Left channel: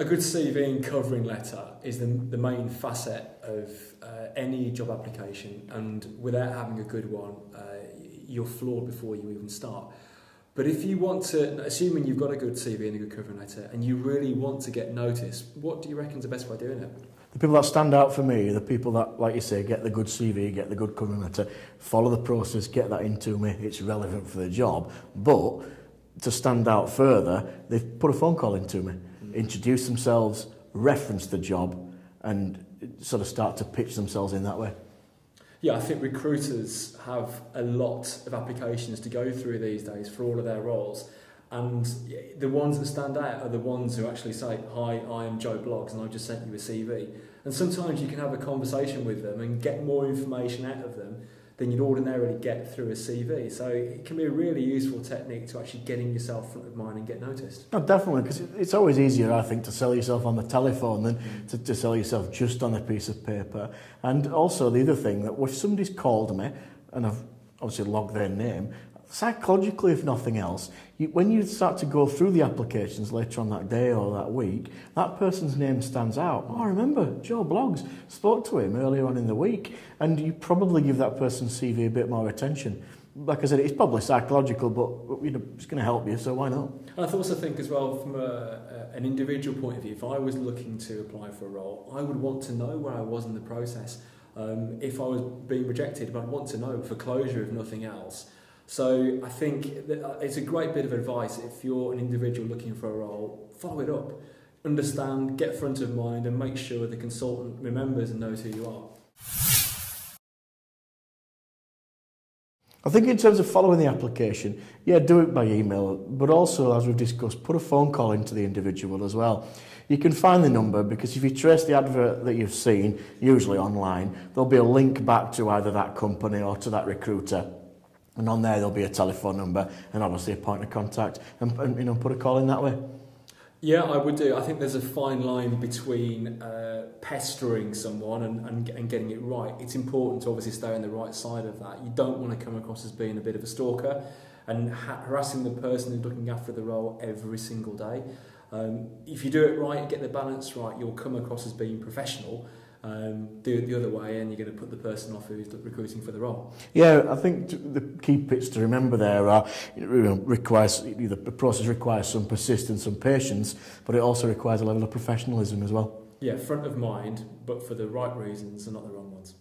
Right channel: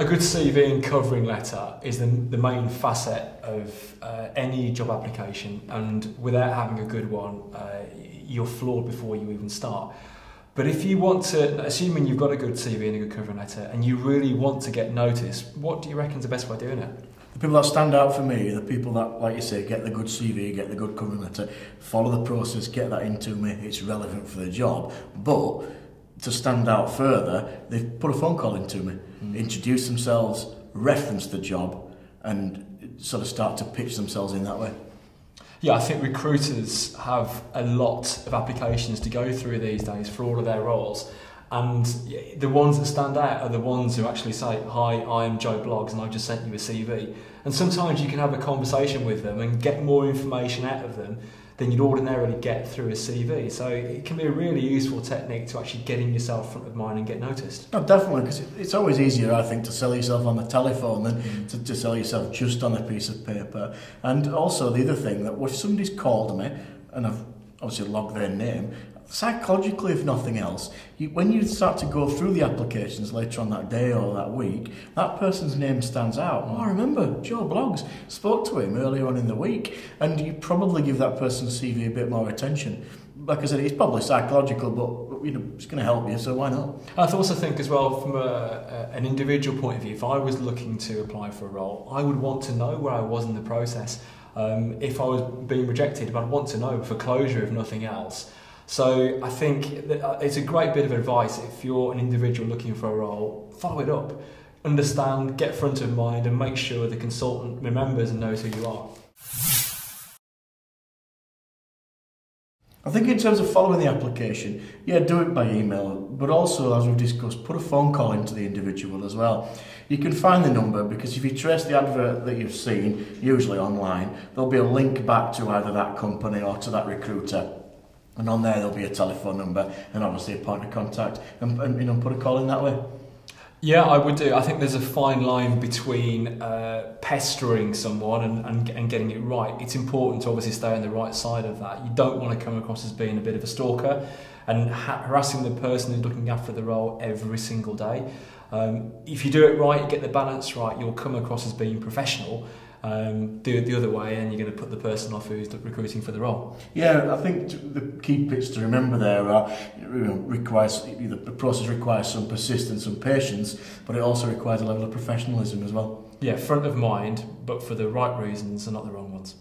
A good CV and covering letter is the main facet of any job application, and without having a good one, you're flawed before you even start. But if you want to, assuming you've got a good CV and a good covering letter, and you really want to get noticed, what do you reckon is the best way of doing it? The people that stand out for me are the people that, like you say, get the good CV, get the good covering letter, follow the process, get that into me, it's relevant for the job. But to stand out further, they've put a phone call into me, introduce themselves, reference the job, and sort of start to pitch themselves in that way. Yeah, I think recruiters have a lot of applications to go through these days for all of their roles. And the ones that stand out are the ones who actually say, "Hi, I am Joe Bloggs and I've just sent you a CV." And sometimes you can have a conversation with them and get more information out of them than you'd ordinarily get through a CV. So it can be a really useful technique to actually getting yourself front of mind and get noticed. No, definitely, because it's always easier, I think, to sell yourself on the telephone than to sell yourself just on a piece of paper. And also the other thing, that if somebody's called me, and I've obviously logged their name, psychologically, if nothing else, when you start to go through the applications later on that day or that week, that person's name stands out. Oh, I remember Joe Bloggs, spoke to him earlier on in the week, and you probably give that person's CV a bit more attention. Like I said, it's probably psychological, but it's going to help you, so why not? I also think as well, from an individual point of view, if I was looking to apply for a role, I would want to know where I was in the process. If I was being rejected, but I'd want to know for closure, if nothing else. So I think that it's a great bit of advice if you're an individual looking for a role, follow it up, understand, get front of mind, and make sure the consultant remembers and knows who you are. I think in terms of following the application, yeah, do it by email, but also, as we've discussed, put a phone call into the individual as well. You can find the number, because if you trace the advert that you've seen, usually online, there'll be a link back to either that company or to that recruiter. And on there, there'll be a telephone number and obviously a point of contact, and put a call in that way. Yeah, I would do. I think there's a fine line between pestering someone and getting it right. It's important to obviously stay on the right side of that. You don't want to come across as being a bit of a stalker and harassing the person who's looking after the role every single day. If you do it right, you get the balance right, you'll come across as being professional. Do it the other way and you're going to put the person off who's recruiting for the role. Yeah, I think the key bits to remember there are the process requires some persistence and patience, but it also requires a level of professionalism as well. Yeah, front of mind, but for the right reasons and not the wrong ones.